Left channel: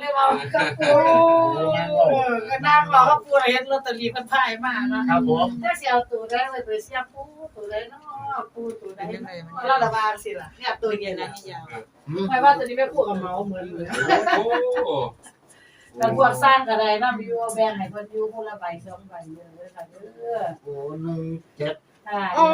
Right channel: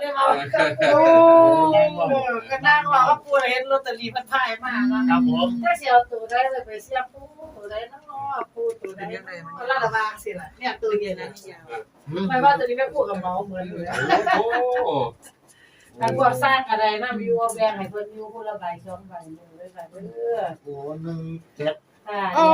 เลยว่ากับปูเออก็นั่งรอกับปูเห็นลอตเตอรี่มันพ่ายมาเนาะครับผมถ้าสิเอาตัวได้เลยไปเสียบปูตัวได้เนาะปูตัวได้เนาะแล้วระบางสิล่ะเนี่ยตัวเย็นแล้วนี่ยาวไม่ว่าตัวนี้ไม่พูดกับเมาเหมือนเลยโอ้โหแต่พวกสร้างก็ได้นำอยู่แบ่งให้เพิ่นอยู่คนละใบสองใบเด้อค่ะเด้อโอ้หนึ่งเจ็ด ค่ะโอ้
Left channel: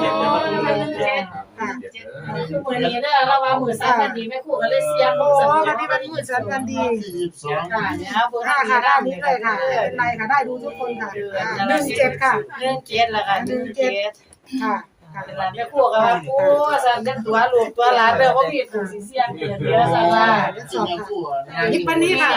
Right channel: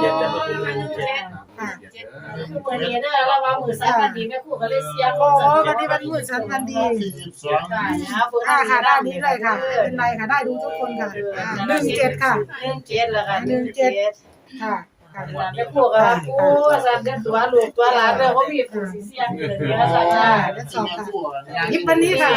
เจ็ดแล้วก็เป็นเจ็ดครับเจ็ดเด้อคือมื้อนี้เด้อเราว่ามื้อสันวันดีแม่ครูก็เลยเสียงโอ้สันวันนี้เป็นมือสันวันดีที่ยี่สิบสองค่ะเนี่ยเบอร์ค่ะทางค่ะนี้ได้ได้นี้เลเลยยค่ะค่ะเป็นไรค่ะได้ดูทุกคนค่ะเดือนหนึ่งเจ็ดค่ะเรื่องเจ็ดแล้วค่ะหนึ่งเจ็ดค่ะ ค่ะเวลาแม่ครูก็ว่าปูสันเด้อตัวลูกตัวหลานเด้อบ่มีผู้สิเสียงเกินเยอสันว่าที่แม่คู่หยิบวันนี้ค่ะ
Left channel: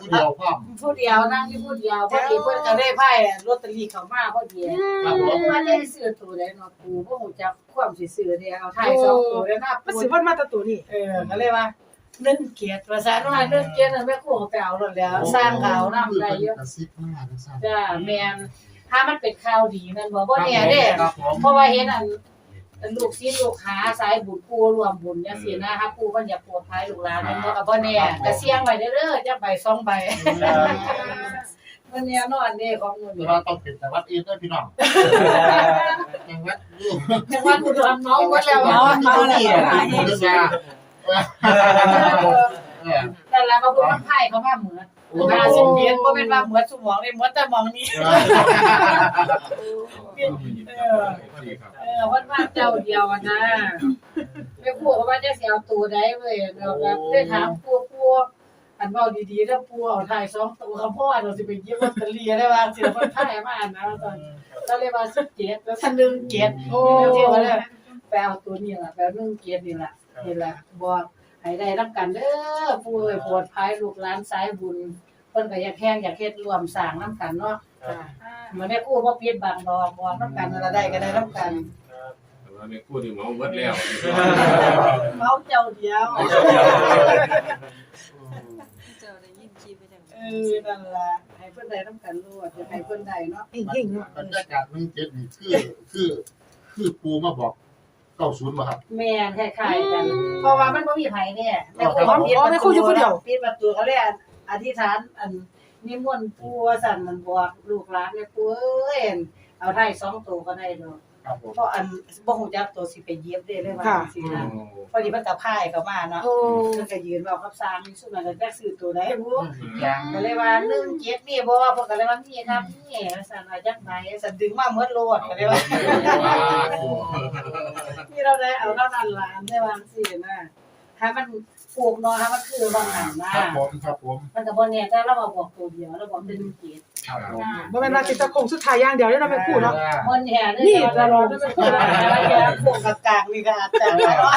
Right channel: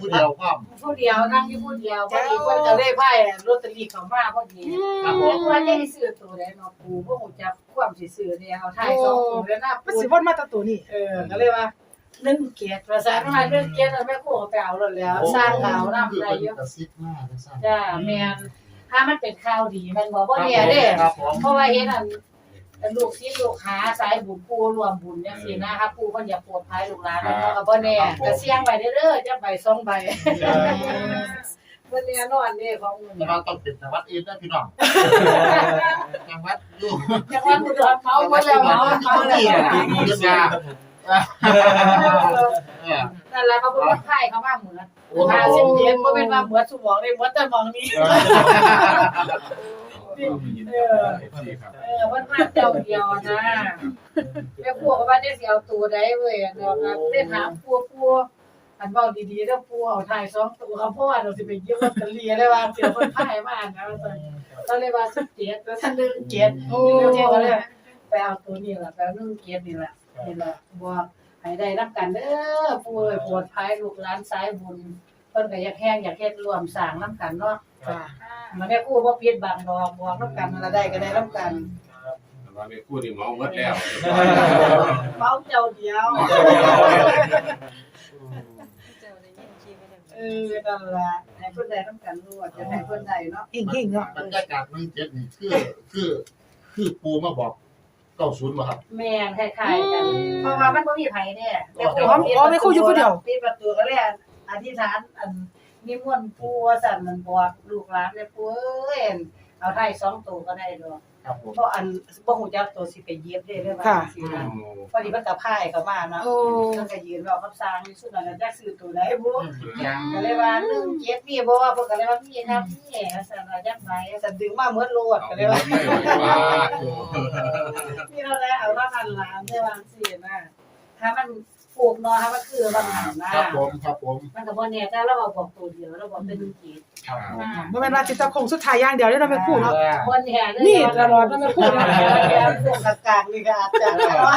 ผู้เดียวพร้อมผู้เดียวนั่งอยู่ผู้เดียวพอดีเพิ่นก็ได้ไพ่ลอตเตอรี่เข้ามาพอดีครับผมว่าจะให้ซื้อตัวใดเนาะปูบ่ฮู้จักความสิซื้อเด้เอาถ่ายสองตัวเด้อนะมันปูสิวันมาตะตัวนี่เออก็เลยว่าเรื่องเกียรติภาษาหน่อยเรื่องเกียรติแม่ครูก็ไปเอาแล้วแล้วสร้างเขานำได้เยอะกระซิบมากนะสร้างจ้าแม่น ถ้ามันเป็นข่าวดีมันบ่บ่แน่เด้ครับผมเพราะว่าเห็นอันอันลูกศิษย์ลูกหาสายบุญปูรวมบุญจังซี่นะครับปูเพิ่นอยากโปรดภัยลูกหลานเนาะก็บ่แน่ก็เสี่ยงไว้เด้อจักใบสองใบวันนี้นอนเด้ของมื้อแต่นี้ว่าต้องเป็นแต่วัดอื่นนะพี่น้องจังหวัดอยู่จังหวัดอุดรเมาหมดแล้วเมาที่นี่อะที่นี่อะเออ แต่ละมาบุญมันไผเข้ามาเหมือนมาสิเพียนบ่แม่นว่าเหมือนสมองนี่เหมือนแต่มองนี้เออเออวันมาเจ้าเดียวนะแม่ปู่ก็ว่าจะเสิเอาตัวใดเว้ยเดี๋ยวก็ได้ถามปู่ปู่อันเว้าดีๆแล้วปู่เอาถ่ายสองตัวเขาพ่อเราสิไปเยี่ยมลอตเตอรี่ได้ว่าสิเพิ่นถ่ายมานะว่าซั่นเราเลยว่า17แล้วท่านนึงเกียรติโอ้แล้วเจ้าก็เลยไปเอาตัวนี้แหละไปเอานึงเกียรตินี่แหละ นี่ล่ะบอกให้ได้รับกันเด้อปู่เอ้ยปวดภัยลูกหลานสายบุญเพิ่นก็อยากแข่งอยากเฮ็ดร่วมสร้างนํกันเนาะค่ะมันแม่กู้บ่ปิดบังดอกบอกนํกันนั่นละได้ก็ได้นํกันแต่ว่าแม่กู้นี่เมาหมดแล้วเมาเจ้าเดียวเออนั่นล่ะให้เพิ่นได้นํกันรู้ว่าจะให้เพิ่นได้เนาะเก่งๆเนาะบรรยากาศหนึ่งเจ็ดนี่คือคือ คือปูมาบอก เก้าศูนย์มาครับ แม่นคล้ายๆกันเพราะว่ามันบ่มีไผแน่แม่อ๋ออ๋อแม่ครูอยู่ผู้เดียว ปิดประตูเขาเรียกอธิษฐานอันนิมนต์ปู่ว่าสั่นมันบอกลูกหลานเลยปู่เอ้ยเอาได้สองตัวก็ได้ดอกครับผมเพราะอันบ่ฮู้จักตัวสิไปเย็บได้เลยว่าสินะพอดีมันก็พายเข้ามาเนาะโอ้เพิ่นก็ยืนเว้ากับสร้างนี่สุดนั้นก็จักซื้อตัวใดบ่ยังก็เลยว่า1 7มีบ่ว่าเพิ่นก็เลยว่ามีครับนี่ว่าซั่นว่าจักใบซั่นดึงมาหมดโลดก็เลยว่า นี่เราได้เอาละนันหลานได้วางสินะถ้ามันปลูกเนาะถ้ามันคือบางหันนะครับผม ครับผม มันก็บ่แน่แต่เราเอาบอกตัวเดียวเราบอกเป็น1 7ครับผมบ่แม่นว่าสิตะคงสุดท้ายอย่างเดียวได้เราไปพูดเนาะบ่แน่เด้นี่ตลอดมันไม่พูดพวกกลางๆนี่ก็อาจจะเนาะ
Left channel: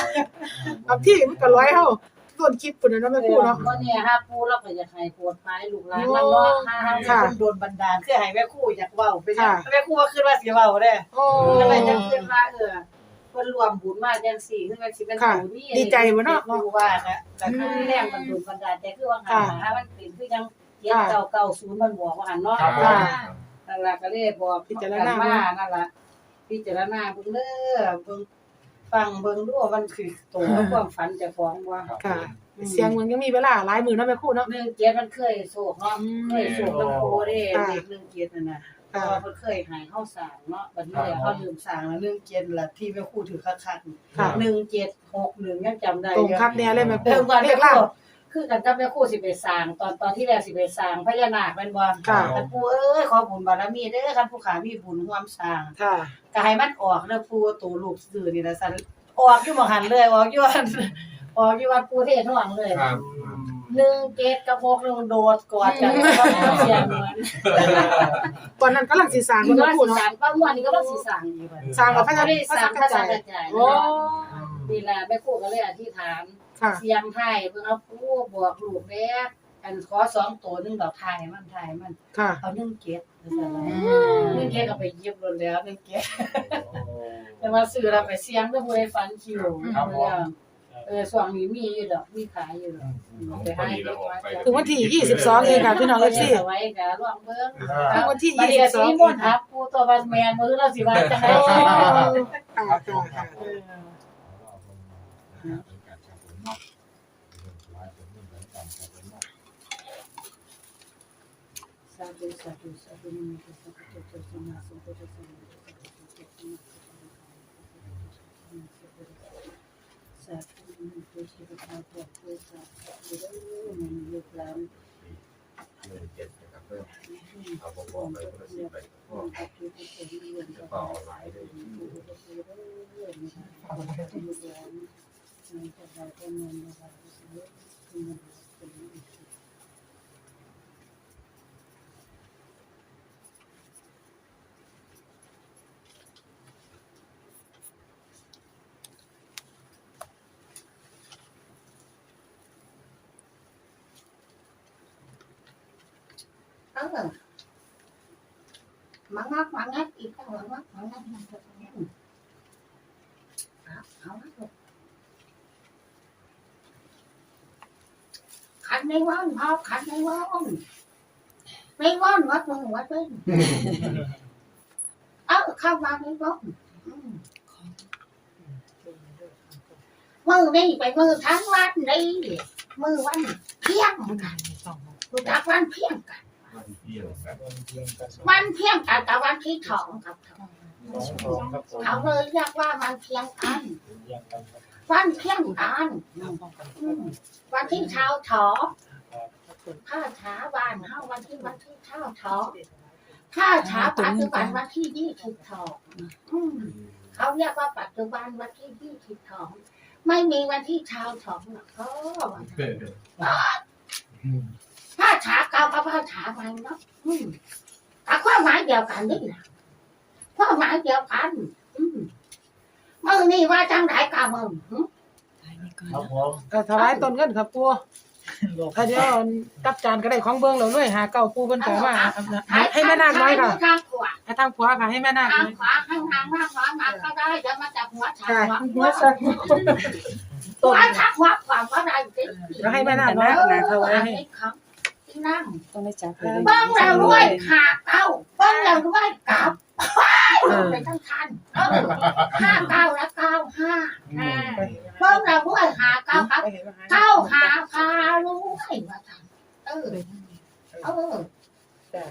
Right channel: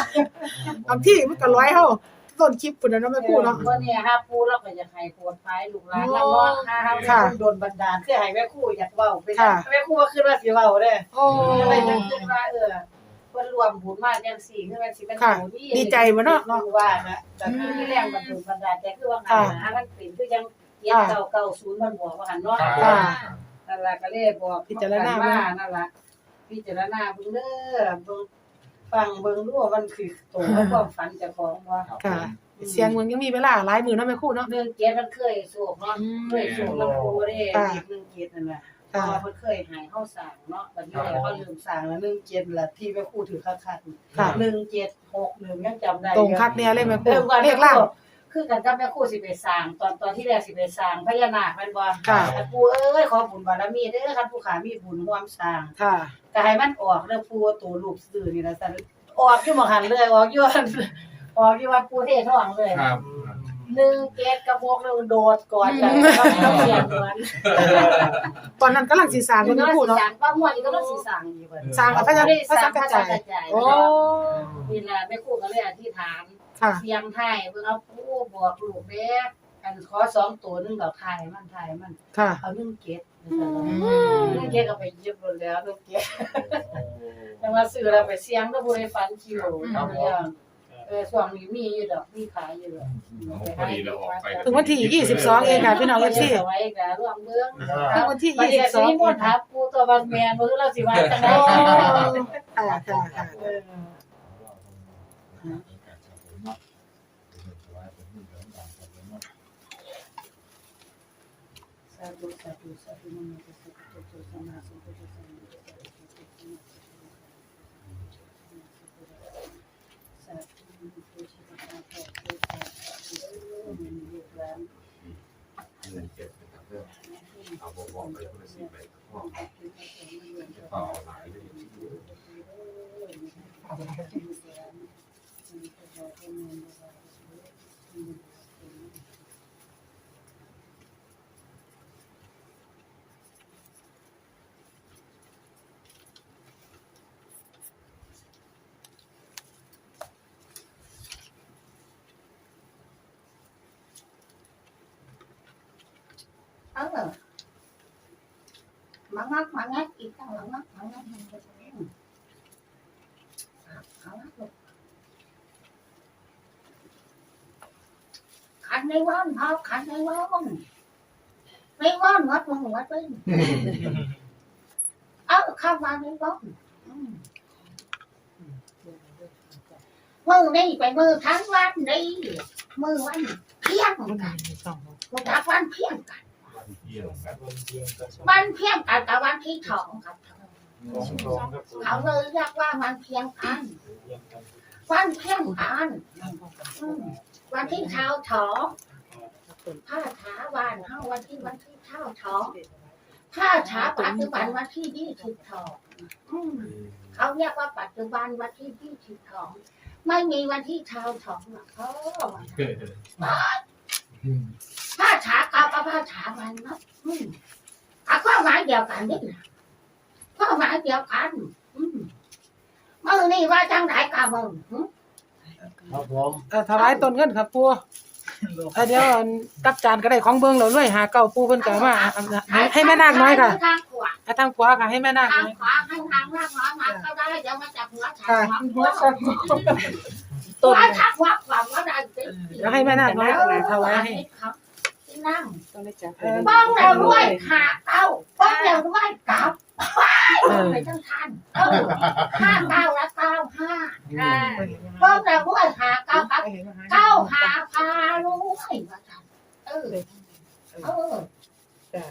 บางที่มันก็ร้อยเฮาต้นคลิปพุ่นน่ะเนาะไม่พูดเนาะก็เนี่ยฮะปูเราก็อยากให้ปวดท้ายลูกหลานแล้วเนาะถ้าเฮาค่ะโดนบันดาลคือให้แม่ครูอยากเว้าเป็นค่ะแม่ครูว่าคือว่าสิเว้าเด้โอ้ก็เลยจะขึ้นว่าเออ เพิ่นรวมบุญมาจังซี่คือมันสิเป็นค่ะบุญนี่ดีใจบ่เนาะรู้ว่าก็ก็คือแรงบันดาลบันดาลแต่คือว่าหาหามันเป็นคือยังเย็นเก่าเก่าศูนย์มันบอกว่าหันเนาะครับผมค่ะ นั่นล่ะก็เลยบอกพิจารณามานั่นล่ะพิจารณาเบิ่งเด้อเบิ่งฟังเบิ่งดูว่ามันคือตรงกับความฝันเจ้าของว่าค่ะเสียงเมืองยังมีเวลาหลายมื้อเนาะแม่ครูเนาะเรื่องเกียรติมันเคยโศกเนาะเคยโศกมันโคเด้ค่ะ เด็กเรื่องเกียรตินั่นน่ะ เพค่ะราะว่าเพิ่นเคยใหายเฮาสร้างเนาะบัดนี้แหละเฮาลืมสร้างแล้วเรื่องเกียรติล่ะที่แม่ครูถือคักค่ะ ๆ1761ยังจำได้ตรงอยู่คักแน่เลยแม่ครูเริ่มก่อนเลแม่ขครูล่าง คือกันกับแม่ครูสิไปสร้าง ตอนตอนที่แรกสิไปสร้างพญานาคแม่นบ่ค่ะคันปู่เอ้ยขอบุญบารมีเด้อคันผู้ขามีบุญร่วมสร้าง ค่ะ ก็ให้มันออกเด้อปู่ตัวลูกซื่อนี่ล่ะซั่นออกอยู่หม่องหันเลยออกอยู่อันออกอยู่วัดปู่เทศท้องเลยครับ หนึ่งเกตกับหกหนึ่งโดดกอดกันก็ต้องเสียงเหมือนตอนนั้นกำลังสิสร้างมันแม่ก็ครูสีเนาะสางป้าม่วนนี่ก็ต้องสีสางอีกบัดสร้างกับพระไม่ได้พระสาสังงพกัระจสัจางยกระจายโอ้นี่แหละแม่ครูก็เลยอธิษฐานค่ะเสียงไทยเพิ่งเอาผู้บอกลูกแม่อันขอสองตัวหนึงดอกไทยมันไทยมันค่ะเอาหนึ่งเกตอืมหนึ่งเกตเอาไปเย็บรถแล้วหนึ่งเกตแต่ว่าซื้อเราไปเสียงก็บ่ได้ฟันคิวครับผม เออส่วนนี้มีอยู่ดอกมีขายอยู่ดอกไปให้เด็กไว้ถึงวันที่ 22 เองค่ะพี่น้อง FC เอาไว้ก็ร่วมเบิ่งถึงวันที่บัดนี้ก็สิมี22มนต์ทับผู้ตัวบัสแมนบ่คือเราสิว่าจังได๋โอ้ค่ะค่ะค่ะเออคาธุสาธุสาธุนะโมตัสสะภะคะวะโตสัมมาสัมพุทธัสสะนะโมตัสสะภะคะวะโตสัมมาสัมพุทธัสสะสาธุนะโมตัสสะภะคะวะโตสาธุเด้อมันลูก หลานเงินเจ็ดนะครับเริ่มเอาบอกบอกไปคนละสิไปพ่องฆ์ที่ร่วมจะเป่าหลายเลยเอาไปให้ลูกหลานมันจะได้ เป็นเงินได้ซื้อเงินเป็นเออมังงักมังงักอีกตั้งมังงักมังงักมันจะเป็นเอาละลูกขันในวันพอขันในวันในวันวัดมึงวัดเป็นเออเข้ามาในวันอืมมือนี่ไปมือทั้งวันนี่มือวันเที่ยงกันลูกจักวันเที่ยงกัน วันเที่ยวกันมันเพียงกันกับวันที่สองครับ เขาเลยเรียกว่ามันเพียงกัน วันเพียงกันอืมวันที่เช้าถอผ้าช้าบ้านเฮาวันที่วันที่เช้าถอผ้าช้าปัจจุบันวันที่ยี่สิบถออืมเขาเรียกว่าปัจจุบันวันที่ยี่สิบถอไม่มีวันที่เช้าถอหรอกเขา ผ้าช้าเก่ากับผ้าช้าใหม่เนาะอืมแต่ความหมายเดียวกันนี่แหละความหมายเดียวกัน อืมมือนี่ว่าจังไรกะมึงหึครับผมเออถวายต้นเงินครับปูเออเดี๋ยวอันกับจานก็ได้ของเบิ่งเราด้วยหาเก่าปูเพิ่นก็มาให้ให้แม่นาคน้อยค่ะทางขวาให้ทางขวาค่ะให้แม่นาคทาน้งอยขวาให้ทางมากน้อยมาก็ได้เดี๋ยวมาจับหัวฉากค่ะหัวหัวสักต้น หัวฉากหัวขวางว่าได้สิแล้วให้แม่นาคน้อยถวายให้ ครับ นั่งต้องไม่จับเออบ้องเราด้วยขาเก้าบ้องเราด้วยกลับเออไปทั้งทันเออห้าเก้าและเก้าห้าอืมบ้องเราด้วยหาเก้ากับไปเห็นว่าหาเก้าหาพาลุยว่าทันเออเออจ้ะ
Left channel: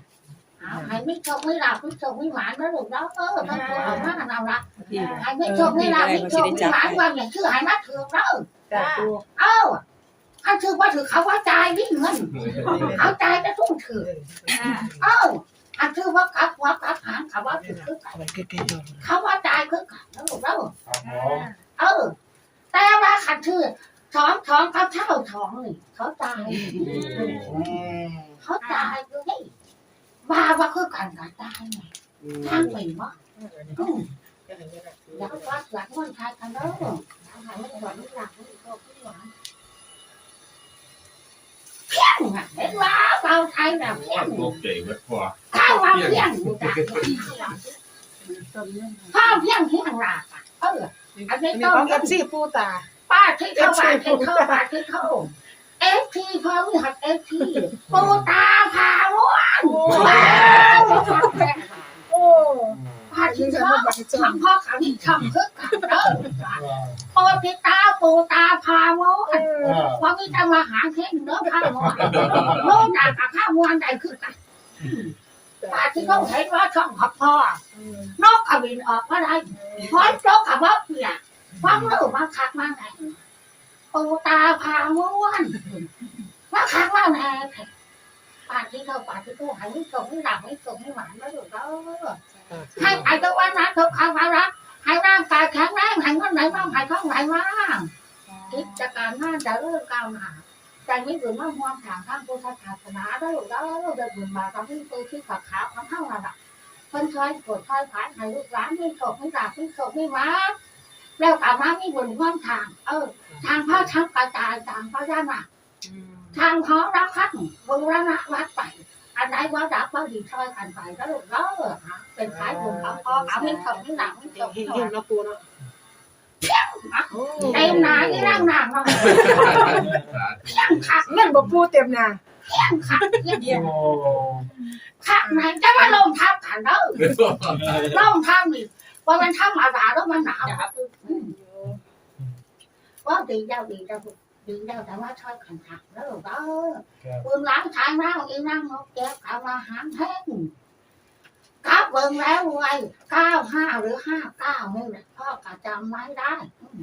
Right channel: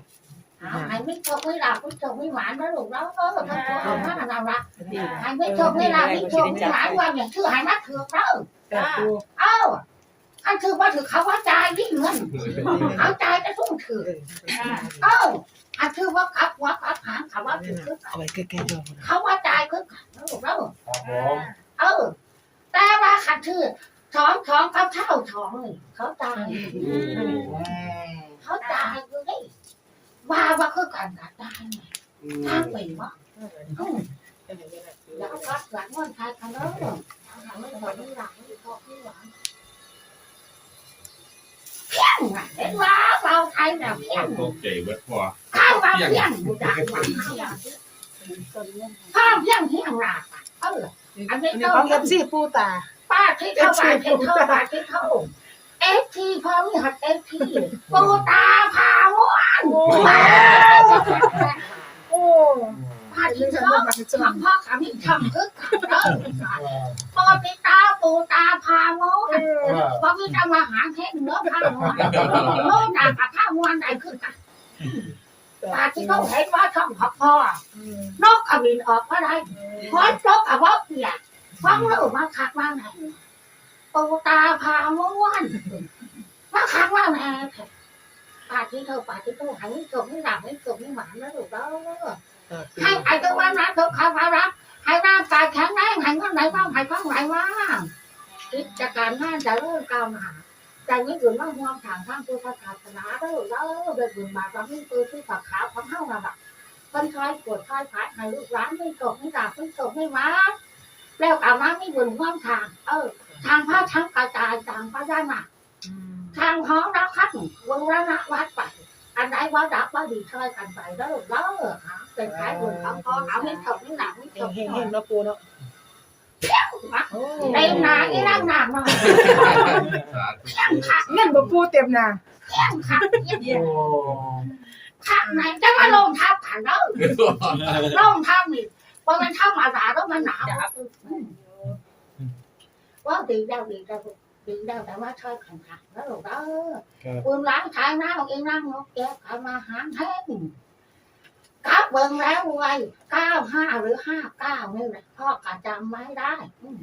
เอาให้ไม่ชกไม่หลับไม่ชกไม่หวานนะลูกแล้วเออมันก็เอามาเราละดีให้ไม่ชกไม่หลับไม่ชกไม่หวานวันอย่างชื่อให้มาถือเราจ้ะปูเอ้า อันถือว่าถือเขาว่าจ่ายนี่เงินเอาจ่ายจะทุ่งถือเออเอ้าอันถือว่ากับหัวกับหางเขาว่าถือคือกันเอาไว้ใกล้ๆเราเขาว่าจ่ายคือกันแล้วลูกแล้วครับผมเออ แต่ว่าขันถือท้องท้องกับเท่าท้องนี่เขาจ่ายอืมเขาจ่ายอยู่นี่ว่าว่าคือกันกับจ่ายไงทางไปวะอืมแล้วก็หลังวันไทยกันเด้อหลังวันก่อนนี่หลังนี่ก็พี่หวาน เพี้ยงอะเห็นว่าเราไทยน่ะเพี้ยงตกใจเบิดพอข้าวว่าเพี้ยงอยู่จากข้าวเพี้ยงเพี้ยงรากอะเอออันนี้อันนี้ต้ขององเอฟซีปูตาป้าที่เท่าบาทที่เท่าบาทที่เท่าเอฟทีพอมีหัดเอฟทีปูตาพาวนโอ้ ว้าวโอ้พาอันที่นี้ก็เท่าบ่บังเอิญทำพ่อขามีทำคึกกันเด้อปอพิตาปูตาพาโมเออพอพิตามาหาเทนเนื้อพาโมโมจากกับข้าวมวนใดคือกันตาที่เขาเห็นว่าช่องขอบพ่อนกกระบินออกมาได้พร้อนนกกับว่าเปียกฟังรู้มาคักมาไหนปูตาพาโมวนมาคักมาไหนปาที่เขาปาที่เขาหายไม่จบไม่หลับไม่จบไม่หวานไม่ถูกแล้ว ให้ไอ้ตัววันนั้นเขาเขาเขารักให้ร่างกายแข็งแรงให้เงินไหนบ้างให้ข้องไหนบ้างกิจการงานจะเริ่มก้าวหน้าใจไม่หยุดมาห่วงทางข้างพุทธศาสนาได้หรือแล้วได้บุญมาตอนนี้ตัวที่ฝักขาวของเฮานั่นแหละเพิ่นคอยปวดคอยผายให้ลูกหลานไม่โศกไม่ดาบไม่โศกไม่มาแล้วกลับมาไม่บุญห่วงทาง เออ ทางพระทั้งกระจายทางพระยานาทางหอรักพัดวงระนาวัดไป อันไหนว่าดับว่าดีช่วยกันไปแล้วลูกแล้วเป็นสายบุญเขาพอเขาไม่โศกไม่ดาบไม่โศกเฮงๆเนาะปูเนาะเต็มหนาที่ร่างหนามาขักเงินบ่ปูเต็มหน้าขักเยี่ยมโอ้ขักไหนจะมาลงทับกันเด้อลงทับนี่ว่ามันทำอาสาแล้วมันหนาวว่าดีเจ้าดีเจ้า ดีแล้วแต่ว่าช่วยขันหักแล้วหรอกเออครับปืนล้างชายน้าเองนั่งนกแก้วขามาหางแห้งกลับเบิ่งแล้วไว้เก้าห้าหรือห้าเก้านี่แหละพ่อกะจำไม่ได้อืม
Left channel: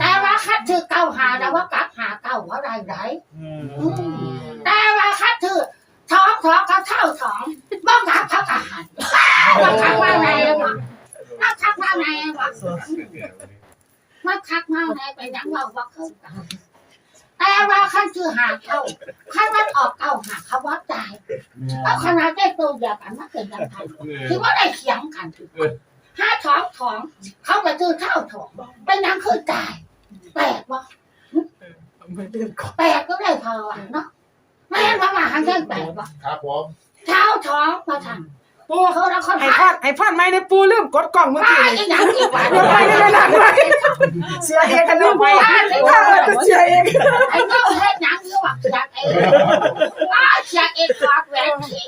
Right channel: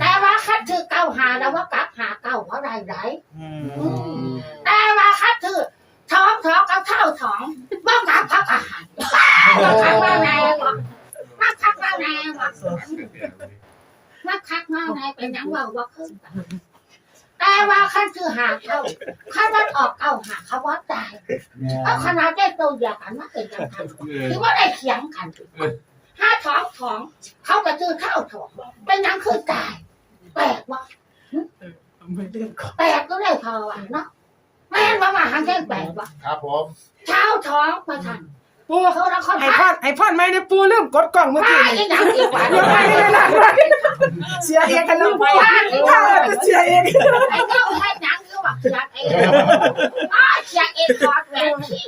แต่ว่าคัดถือเก้าหาแล้วว่ากลับหาเก้าว่าไรไรอืมแต่ว่าคัดถือท้องท้องกับเท่าท้องบ้องกับพักอาหารบ้องคักว่าแม่บ่มาคักว่าแม่บ่มาคักว่าแม่เป็นหยังว่าว่าขึ้น แต่ว่าคัดถือหาเก้าคัดมันออกเก้าหาเขาว่าตายเอาขนาดได้ตัวเดียวกันมาเกิดยังไงถือว่าได้เถียงกันห้าท้องท้อง เขาไปซื้อข้าวท้องเป็นยังคือตาย แปลกวะแปลกก็ได้พอวะเนาะไม่งั้นว่ามาทางเส้นแปลกวะครับผมเช้าท้องมาทำ ปูเขาแล้วเขาให้พทำอดให้พอดไหมในปูลืมกดกล่องเมื่อว่ากี้ไอ้ยังอีกวะเดี๋ยวไปได้หลังไว้เสียเองกันลืมปูถ้าเออจะเสียเองไอ้เจ้าให้ยังเยอะวะอยากเองว่าอยากเองกอดแหวนที่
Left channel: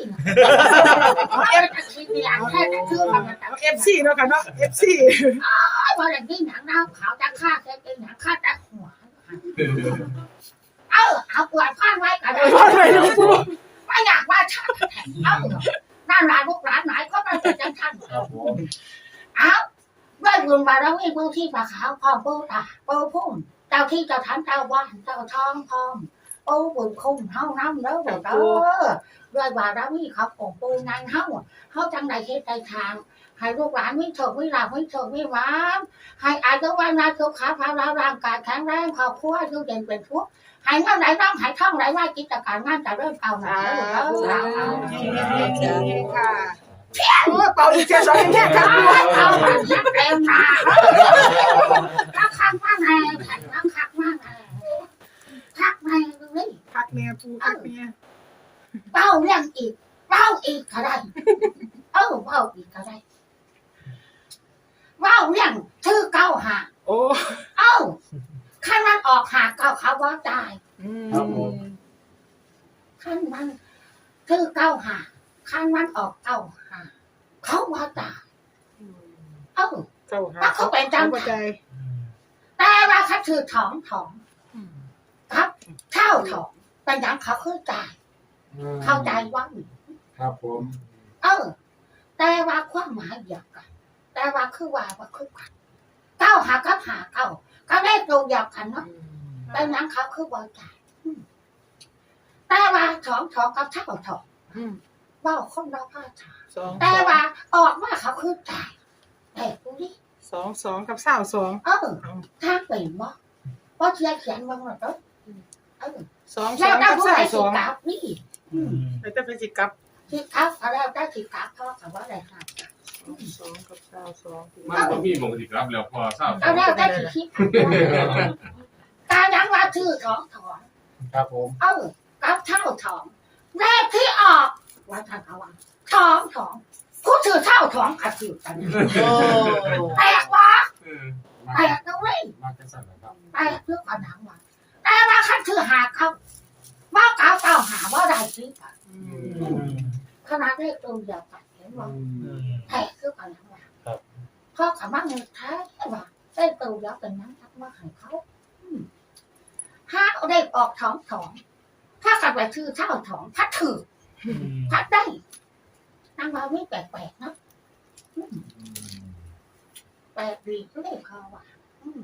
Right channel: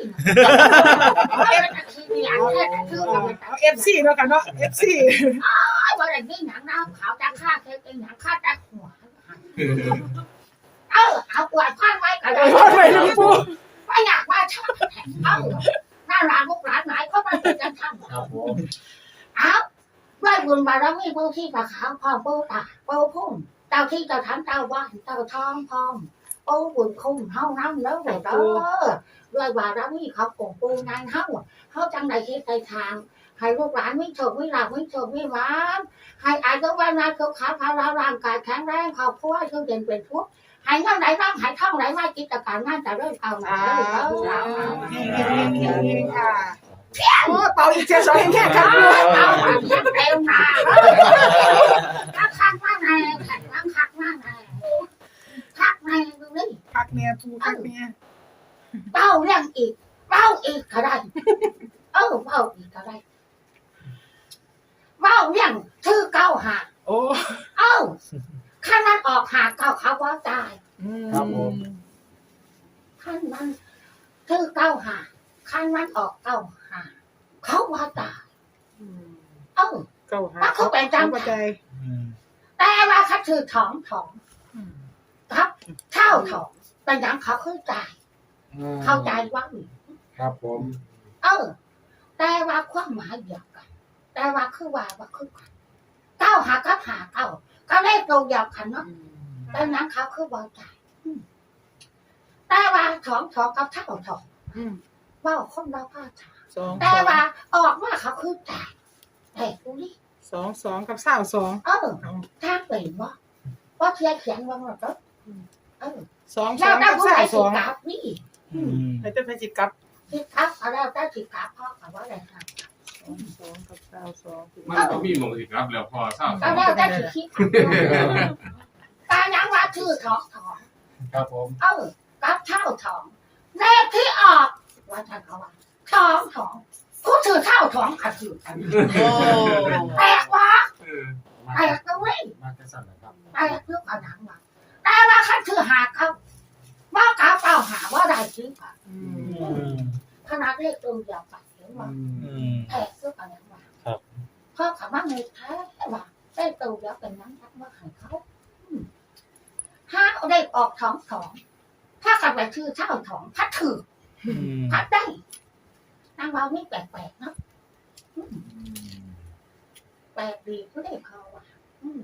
เอ็มที่มีหลังแค่แต่ชื่อมันเอฟซีเนาะค่ะเนาะเอฟซีไอ้วันนี้หนังน้ำขาวจะฆ่าเคยเป็นหนังฆ่าจะหัวเออเอาปวดข้างไว้กันเลยพอดไหมน้องปูไม่อยากว่าชาเออ น่าร้านลูกร้านไหนก็ไม่เป็นจังทันครับผมเอาด้วยบุญบารมีผู้ที่ปะขาวพร้อมปูตาปูพุ่มเจ้าที่เจ้าทันเจ้าบ้านเจ้าทองพร้อมปูบุญคุ้มเฮาน้ำเด้อเด้อเด้อด้วยบารมีเขาของปูงานเฮาเฮาจังใดเฮ็ดใดทางให้ลูกหลานไม่โชคไม่ลาภไม่โชคไม่หวานให้อายุวันนาสุขภาพร่างกายแข็งแรงครอบครัวอยู่เย็นเป็นทุก ข์ให้เงินไหลร่องให้ท่องไหลว่ากิจการงานจะเริ่มเอาหนาแล้วเอาเอาเอาค่ะโอ้เป่าอีกเจ็ดสองแค่ค่ะปูเอาหันเต็มหนารักคักมากแน่รักคักมากแน่คักแน่ดูนี่พักเนี่ยปูพักเนี่ยเป้าเรื่องอีกเป้าอีกก็ได้เออเป้าอีกก็ได้เป้าเรื่องชื่อเก้าหาโอ้เอ้า ขั้นมันออกหาเก้าเขาว่าตายอืมขั้นมันชื่อเก้าหาขั้นมันออกเก้าหาเขาว่าตายเอ้า เก้าหาเขาเข้าใจแต่ว่าเขาถือถองถองครับเท่าถองเป็นอย่างเขาคือตายเข้าใจว่า ครับผม เออ แต่ว่าความหมายเดียวกัน แต่ว่าคือว่าว่าคือกันเก้าหากับหาเก้า ก็ได้ตรงเดียวกันเนาะเป็นอย่างเขาคือว่าตายอืมแต่ว่าถองถองกับเท่าถองอืมว่าคนเราพลาดทางสองแต่ว่าออกมาเขาคือตายแต่กูนี่สองสองกับสาวสองเออถ้าเป็นว่าว่าเทียเขียนว่ามันก็เออสองสแล้อวงได้กับผู้สาใดวสสิองกลับนี่แล้วจะไปจิกับสิกลับเขาแล้วได้สิกลับพ่อกับว่าอะไรค่ะส องสองกับสาวสองมันก็มีมงสิครับแล้วพอทราบก็แล้วได้สิคิดการยังว่าชื่อถองถอนครับผม เออกับเท่าถองแรกที่ออกว่าทางเขาว่าถองถองผู้ถือเท่าถองขัดถือกันโอ้แปลกวะเออแปลกนะเว้ยมาจะสั่นนะครับแปลกเรื่องอันนั้นว่ะแต่ว่าขัดถือหาเขาว่าเก้าเก้าหาว่าได้ที่ป่ะอืมขนาดเลขตัวเดียวกัน เห็นว่าแพ้คืออะไรวะครับ พ่อขามาเงินแท้ว่ะได้ตูแล้วเป็นนั้นทักมาให้เขาอืมห้าเอาได้ออกท้องท้องถ้ากันไปชื่อเช่าท้องพัดถือพัดได้นางเราไม่แปลกๆนะอืม แปลกดีก็ได้คอว่ะอืม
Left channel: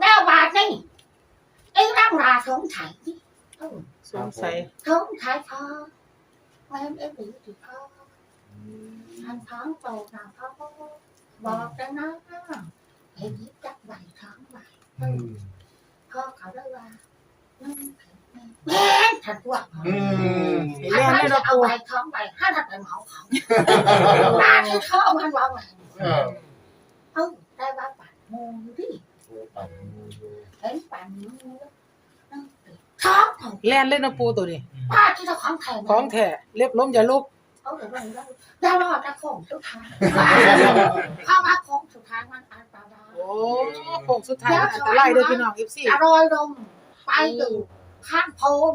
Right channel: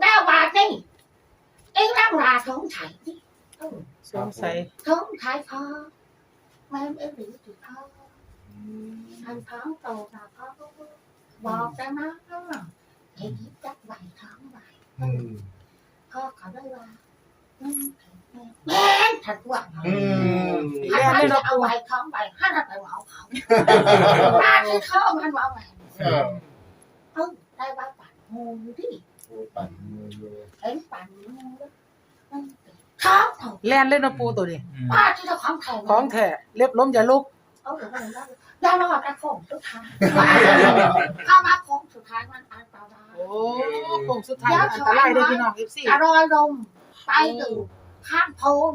แล้วบาทนี่เอ็งร่ำราสงสัยที่เออสงสัย สงสัยพอแม่เอ็งหรือสิพอ อันท้องโตนะเขาก็บอกแล้วนะเห็นยิบจักใบท้องใบพ่อเขาได้ว่านั่นแม่ฉันว่าอืมถ้าเราจะเอาใบท้องใบถ้าเราไปเหมาเขาตาที่เขามันว่าไงเออเออได้ว่าปั่นงูดิโอ้ปั่นมือเลยเห็นปั่นงูแล้วท้องของแล่นเล่นนะปูตัวนี้ป้าที่เจ้าของแทนของแท้เล็บล้มอย่าลุกเอาเดี๋ยวมันได้รอดแต่โค้งสุดท้ายเข้ามาโค้งสุดท้ายมันอันตรายโอ้โค้งสุดท้ายมันอันตรายเด้อพี่น้องเอฟซีอร่อยลมไปดูข้างโพน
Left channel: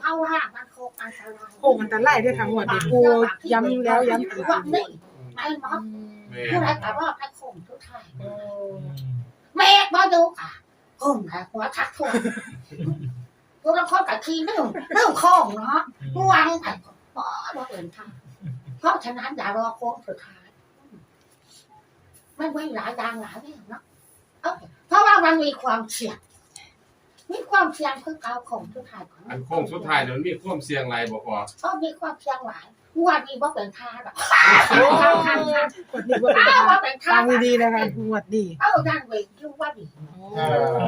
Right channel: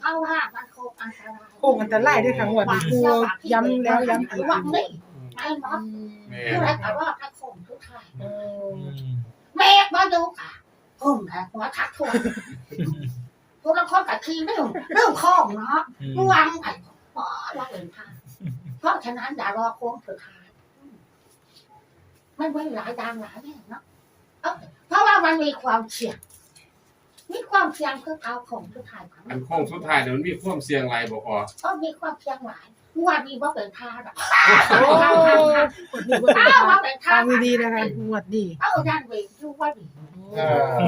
เพราะว่ามันโคกอันตรายโค้งอันตรายเด้วยค่ะงวดนี้ปูย้ำแล้วย้ำอีกว่านี่ไม่มดแม่ผู้ใดก็รอดถ้าโคงทุกทายเมฆมาดูค่ะพุ่มนะหัวทักทั่วพวกเราคนกับทีเรื่องเรื่องข้องเนาะวางไปพอว่าเอินท่า เพราะฉะนั้นอย่ารอโค้งสุดท้ายไม่ไม่หลายดังหลายเนี่ยเนาะเอ้าเพราะว่ามันมีความเสี่ยง มีความเสี่ยงคือเอาของสุดท้ายของอันโค้งสุดท้ายเนี่ยมันมีความเสี่ยงหลายบ่พอก็มีความเสี่ยงหลายวันนี้ว่าเป็นท่าหรอกโอ้กดดีว่าเป็นอ้าวทาว่าเป็นท่าทางดีๆนะคะงวดดีเอ้าด้านเวงรู้ว่าดีเออ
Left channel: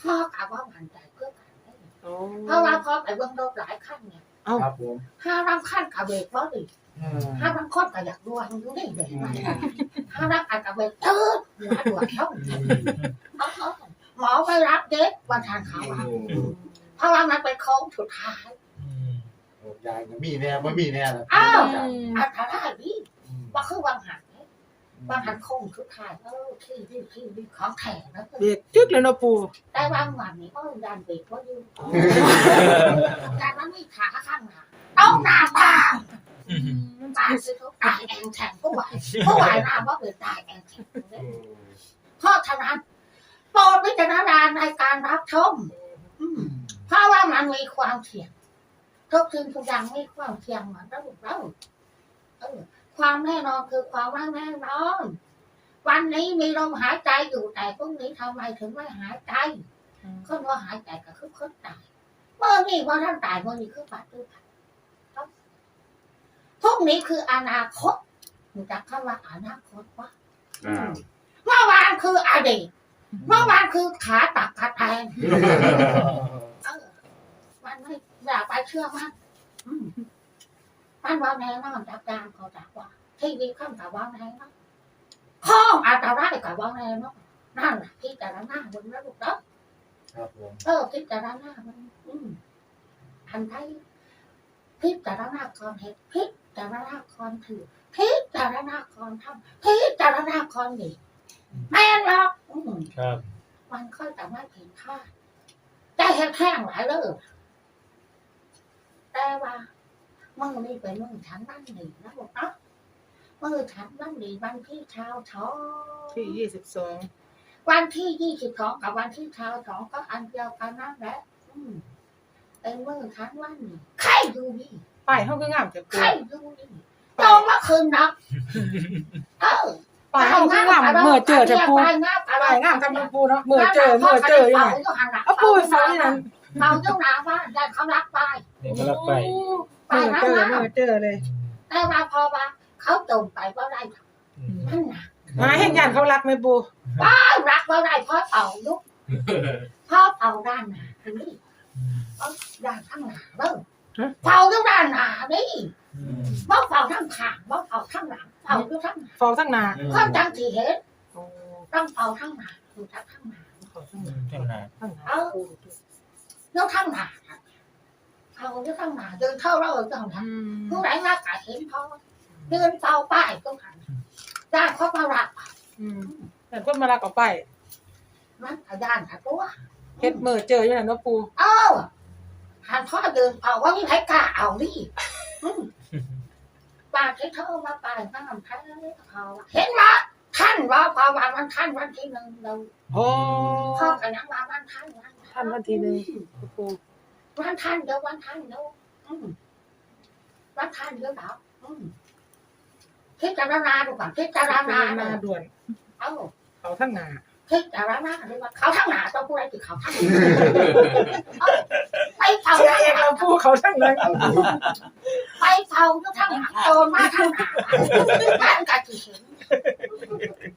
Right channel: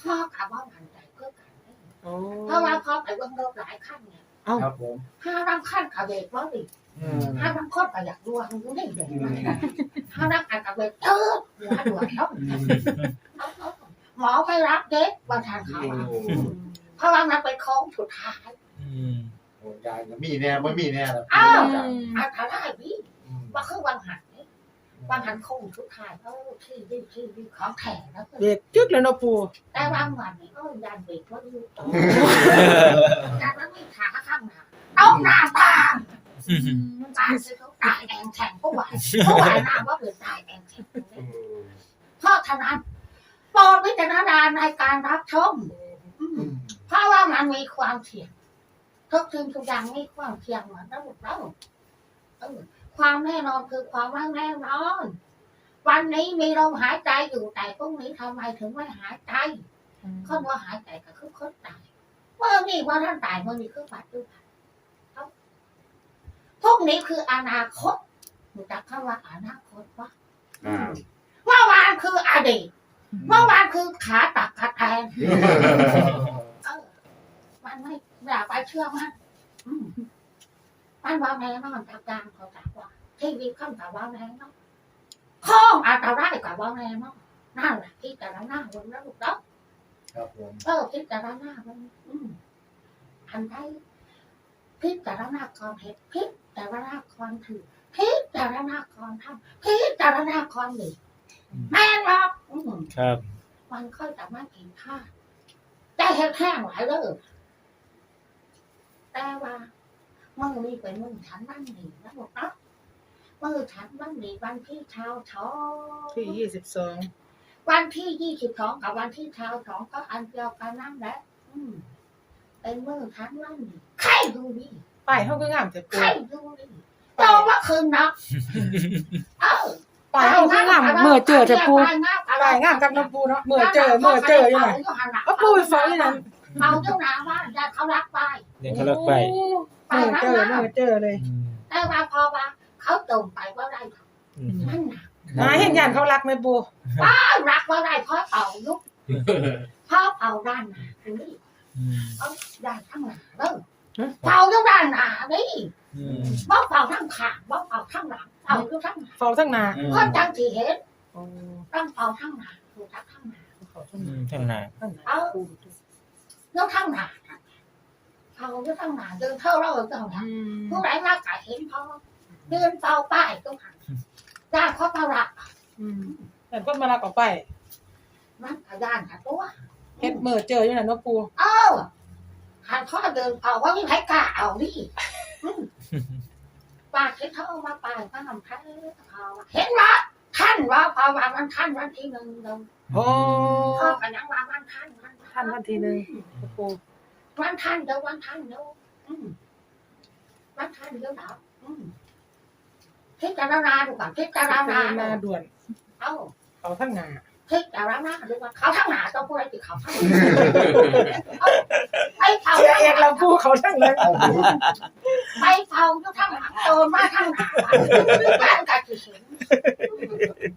พ่อกะว่ามันใจเพื่อกันได้โอ้เพราะว่าพ่อไปเบื้องรถหลายขั้นเนี่ยครับผมห้ารำขั้นกับเบรกว่าดี อืมห้ารำค้นก็อยากดวงอยู่ได้เลยมันห้ารำอันกับเบรกเออหัวดวงเขาเอาเอาหมอไปรับเด็กวันทานเขาอะเพราะว่ามันเป็นโค้งสุดท้ายโอ้ยายน่ะมีแน่ไม่มีแน่ละอ้าวจ้ะอันตรายดิอืมว่าคือวังหันเนี่ยวังหันโค้งสุดท้ายเออที่ที่ที่ที่ของแข็งนะเบรกจึกแล้วเนาะปูแต่วางวันนี้ก็ยันเบรกว่าอยู่แต่มันมีขาข้างหน้าเอาหน้าตา ตายคือเขาตายแองแข็งผู้ไหวผู้ไหวน้ำว่าเป็นตายแองแข็งเพราะฉะนั้นโปรดวิจารณญาณในการรับชมอืมเพราะว่ามันมีความเสี่ยงทุกสิ่งทุกอย่างมีความเสี่ยงเหมือนระบบเราเออความแน่นอนคือความไม่แน่นอน วันนี้มีลมหายใจอยู่แต่พรุ่งนี้ทำไมถึงไม่หายใจคนว่าหายใจก็คือคนตายเมื่อนี้ว่าท่านตายเมื่อนี้คือปัจจุบัน พวกนี้คืออนาคตรู้จักคำว่าอนาคตว่าครับเมื่อวานคืออดีตเมื่อวานคือขาตักขาแทงเออมันไม่อย่าไปเชื่อมันอืมมันว่าแน่นอนจากการเขาจากว่าทีวีข้ามกับว่าแน่นอนข้องอันตรายกับว่าแน่นอนนั่นแหละพิจารณาบนระดับเนาะครับผมเออพิจารณามันอืมอันใดพิจารณาก่อนเหตุพิจารณาก่อนถือพิจารณาก่อนทำพิจารณาก่อนดีแม่นหรอกอืมครับ มันค่อยแต่ไม่เห็นค่าแต่แห้งแห้งหลายเลยแต่ว่ามือนี่เป็นมือฉันนั่นหนีนะบอกเนาะมือฉันนั่นหนีวันที่เช้าช้อที่ยี่สิบสองวันที่ยี่สิบสองกับวันที่เช้าสองก็อันเดียวกันนั่นแหละอืมเป็นมือฉันนั่นหนีใครดูนี่ ป้ายเขาก็งามแต่ใคปูรดูนี่ตรงว่าคืนนะเออป้ายเขาก็งามเมื่อเจอแต่ปูไปงามอะไรป้ายงามกับน้ำปูเนาะเมื่อเจอเมื่อเจออยู่ไหนเอาปูไปฟังที่นั้นเอาเจ้าหน้าว่าญาติเขารักไปเด็กก็รักไปเมื่อเจอเมื่อเจอเลยอืมแต่ว่าพอว่าเขาจมไปว่าได้อืมมันหนักหมาแห่งยานเขารักไหมปูรักว่าได้เพราะเป่าลุกเพราะเป่าด้านหน้าอันนี้อืมเอาด้านข้างหน้าเด้อ เป่าอยู่ด้านหน้านี่อืมบ่เป่าทั้งข้างบ่เป่าทั้งหลังเป่าอยู่ทั้งหน้าฟองทั้งหนาคนจังสิเห็นโอ้ต้องเป่าทั้งหน้าอยู่ทั้งข้างหน้าเขาทั้งหอืนามเท่าไหร่ทั้งหนาปูยกทั้งหน้าเป่าอยู่ทั้งหน้าเดินเท่าเราเจ้าหน้าอืมผู้ใดมากก็เห็นพอเดินเป่าป้ายตรงหันด้านเขามารักอืมแต่คนมารักเอาไปมันก็ด้านกับตัวเฮ็ดเมื่อเจออยู่นั่นเนาะปูเอ้า หันพ่อเดินเอาว่ายังไงกล้าเอาดิอืมป้าเช็ดเท่ามาป้ายป้าทำแท้เขาว่าเห็นว่าท่านว่าพอวันวันท่านวันที่หนึ่งเราโอ้พ่อกันยังว่าวันท่านวันท่านวันที่หนึ่งปูวันท่านเดี๋ยววันท่านเดี๋ยวอืมวันท่านเดี๋ยวดับอืมพิจารณาดูก่อนพิจารณามาด่วน เอ้าเขาทั้งหนา พิจารณาดูว่าเขาทั้งหนาต้องพูดอะไรติเขาทั้งหนาเอ้าไปเผาเสียเอกเราปูดเขาทั้งนั้นเอาดูไปเผายกทั้งหลังโตมาทั้งหนาบ้านกะที่เห็น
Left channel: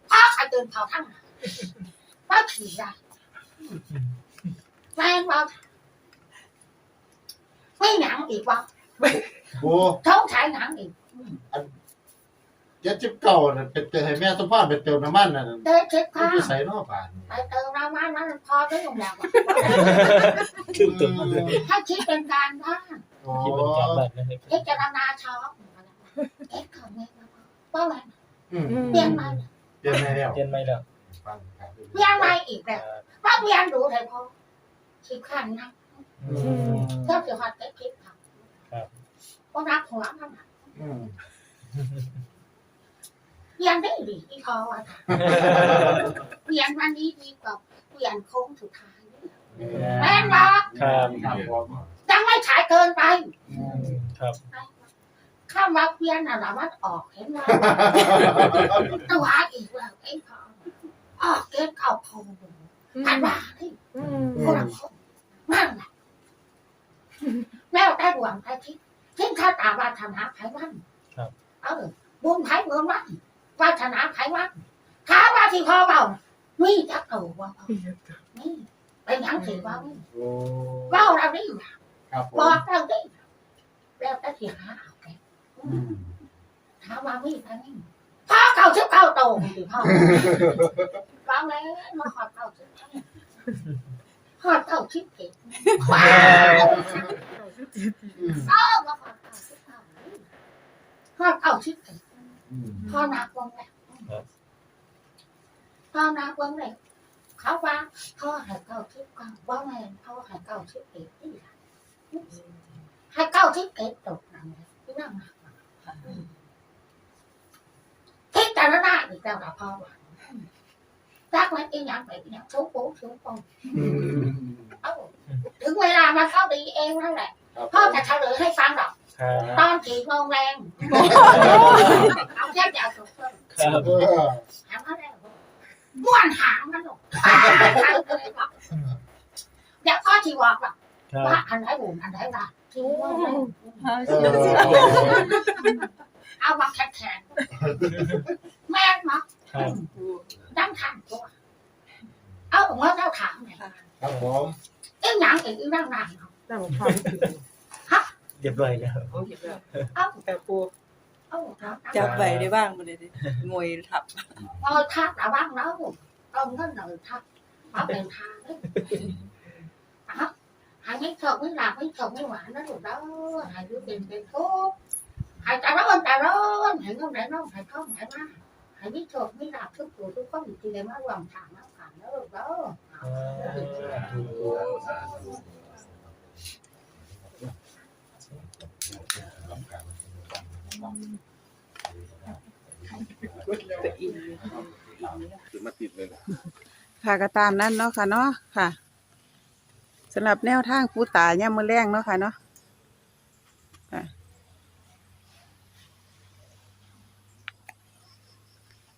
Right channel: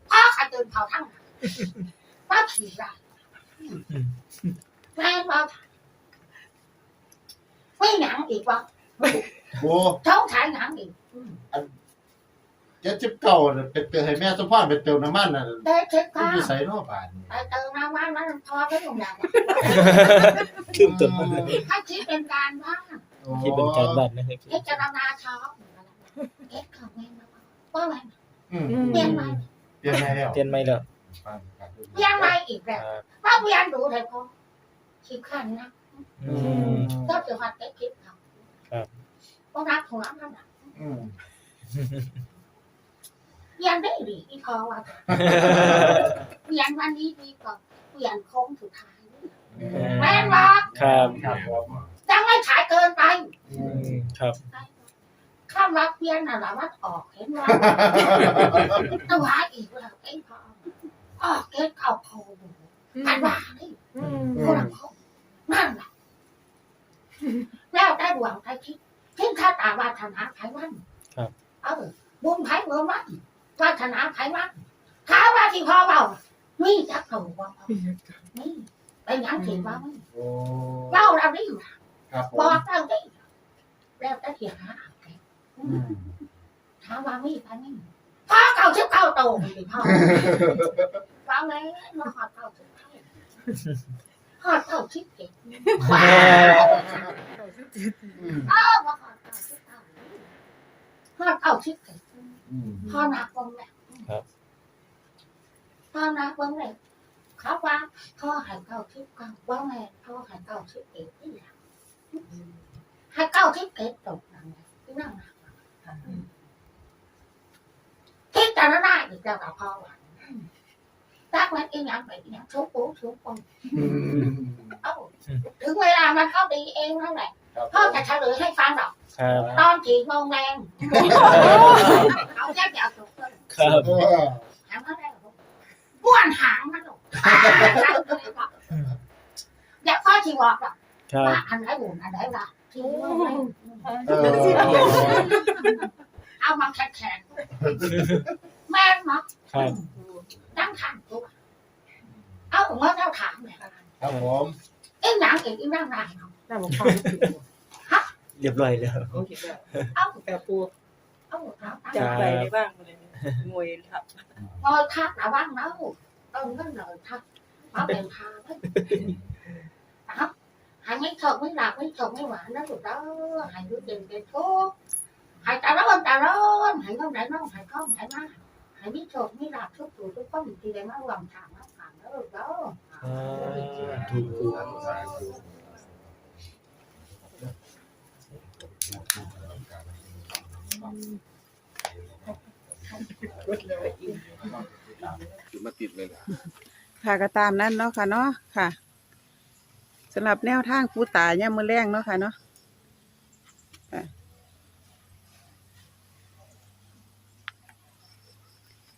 พ่อกะเดินเผาทั้งหนาว่าขี่ได้แม่ว่าไม่หนังอีกวะโอ้ท้องฉายหนังอีก เจ็ดสิบเก้าน่ะเป็นเติมให้แม่สมพรไปเติมน้ำมันน่ะเด็กเช็คมันข้าอยู่ใส่นอกบ้านนี่ไปเติมน้ำมันนั้นพอได้ลงแล้วคืบตัวมันถ้าคิดเป็นการบ้างโอ้คิดเป็นการบ้านนะครับพิจารณาชอบเอ็กเขาแม่มาว่าไงอืมเปลี่ยนใหม่เปลี่ยนให้แล้วเปลี่ยนไหมล่ะฟังครับเปลี่ยนใหม่อีกแล้วว่าเปลี่ยนดูเลยพอคิดขันนะอืมก็จะหัดได้คิดเขาก็รักหัวมันนะอืม เปลี่ยนได้ดีที่พอว่าเปลี่ยนวันนี้ดีกว่าเปวียนโค้งสุดท้ายแม่นบ่ครับครับผมจังไม่ฉายเกินไปอืมครับข้ามวักเวียนน่ะละวัดออกเห็นว่าตัวอีกแล้วไอ้พ่อออกเกตเก่าโพกันว่าที่อืมคนละคนนั่นแหละแล้วได้หวังได้คิดคิดถ้าตามวาสนาไผวันเออบุญไผเมืองวัน วาสนาไผวันท้าว่าที่พ่อเบามีจักตัวว่านี่เป็นหยังสิว่ามีโอ้เล่าเราได้อยู่ครับผบอมกเราได้แล้วแต่ที่หาเอาไปอืมถามว่ามีกันนี่พ่อเก่าชิบเก่าโตสิพ่อฟังเลยมาขอเก่าชิบเก่าขอเก่าชิบเก่งว้าวอืมเออมาขอเก่าชิบเก่าขอเก่าชิบเก่ง อืม พ่อนักวงแหละพ่อนักวงแหละเขาว่าพ่อให้เก่าชิบเก่าว่าแม่พ่อให้เก่าชิบเก่งนี่ล่ะให้เก่าชิบเก่งตกนั่นแหละที่นั่งนะคิดแต่ละได้อีกแล้วกับพ่อว่ารักมันอีหยังไปอีหยังชุบปูชุบปองอืมเอ้าถึงเวลามันเข้าดีเองนั่นแหละครับพ่อจะเฉลยให้ฟังหรอก ครับตอนกี่โมงแรงเอาแค่จะเอาถูกต้องครับเออถามเขาได้หรอบ้วนหางมันหรอกเดี๋ยวพ่อที่บอกว่าครับว่าอันไหนบุญอันไหนล่ะที่ว่าเออเอามาแข็งแข็งแม่มาครับตั้งทางตัวเอาเมื่อเราถามเนี่ยครับผมเอ็งหนังเอ็งอีนั่งนานน่าบอกฟัง เรียบร้อยแล้ว โอเคค่ะเอาแต่ปูเอาถามจับไปได้บ้างมาเลยงวยทับงอยทักระวังเนาะต้องเงินเลยทักเอาเป็นทางเลยเอาหายไม่ถกไม่หลับไม่ถกไม่หวานนะถูก đó หายรู้เป็นเป็นทุกข์หายตาร้อนตาร้อนหายน้องไหนน้องหายข้องหายมาหายไม่ถกไม่หลับทุกตัวทุกคนทีเดียวมารวมถามน้ำขันแล้วถูก đó ถูก ไปอินค่ะก็ตามนั้นเนาะค่ะเนาะค่ะสำหรับแนวทางผู้ตายเนี่ยมือแรงเนาะค่ะเนาะค่ะ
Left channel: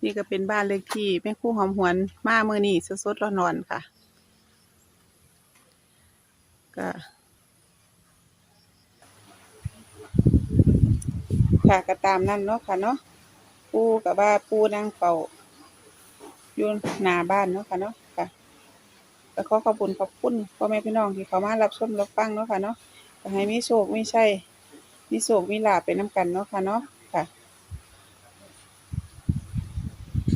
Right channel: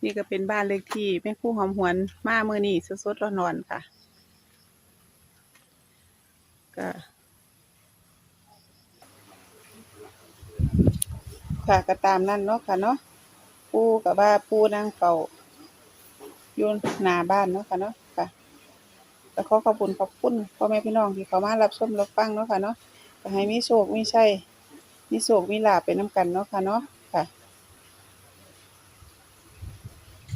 นี่ก็เป็นบ้านเลขที่แม่คู่หอมหวนมาเมื่อนี้สดๆร้อนๆค่ะ ก็ ค่ะก็ตามนั้นเนาะค่ะเนาะปูกับว่าปูนั่งเฝ้าอยู่หน้าบ้านเนาะค่ะเนาะค่ะก็ขอขอบคุณขอบคุณพ่อแม่พี่น้องที่เขามารับชมรับฟังเนาะค่ะเนาะก็ให้มีโชคมีชัยมีโชคมีลาภไปน้กันเนาะค่ะเนาะค่ะ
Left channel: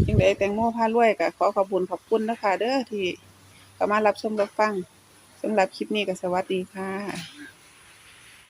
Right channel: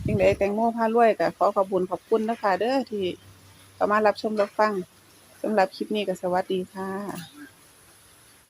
จังไดแตงโมพารวยก็ขอขอบคุณขอบคุณนะคะเด้อที่เขามารับชมรับฟังสำหรับคลิปนี้ก็สวัสดีค่ะ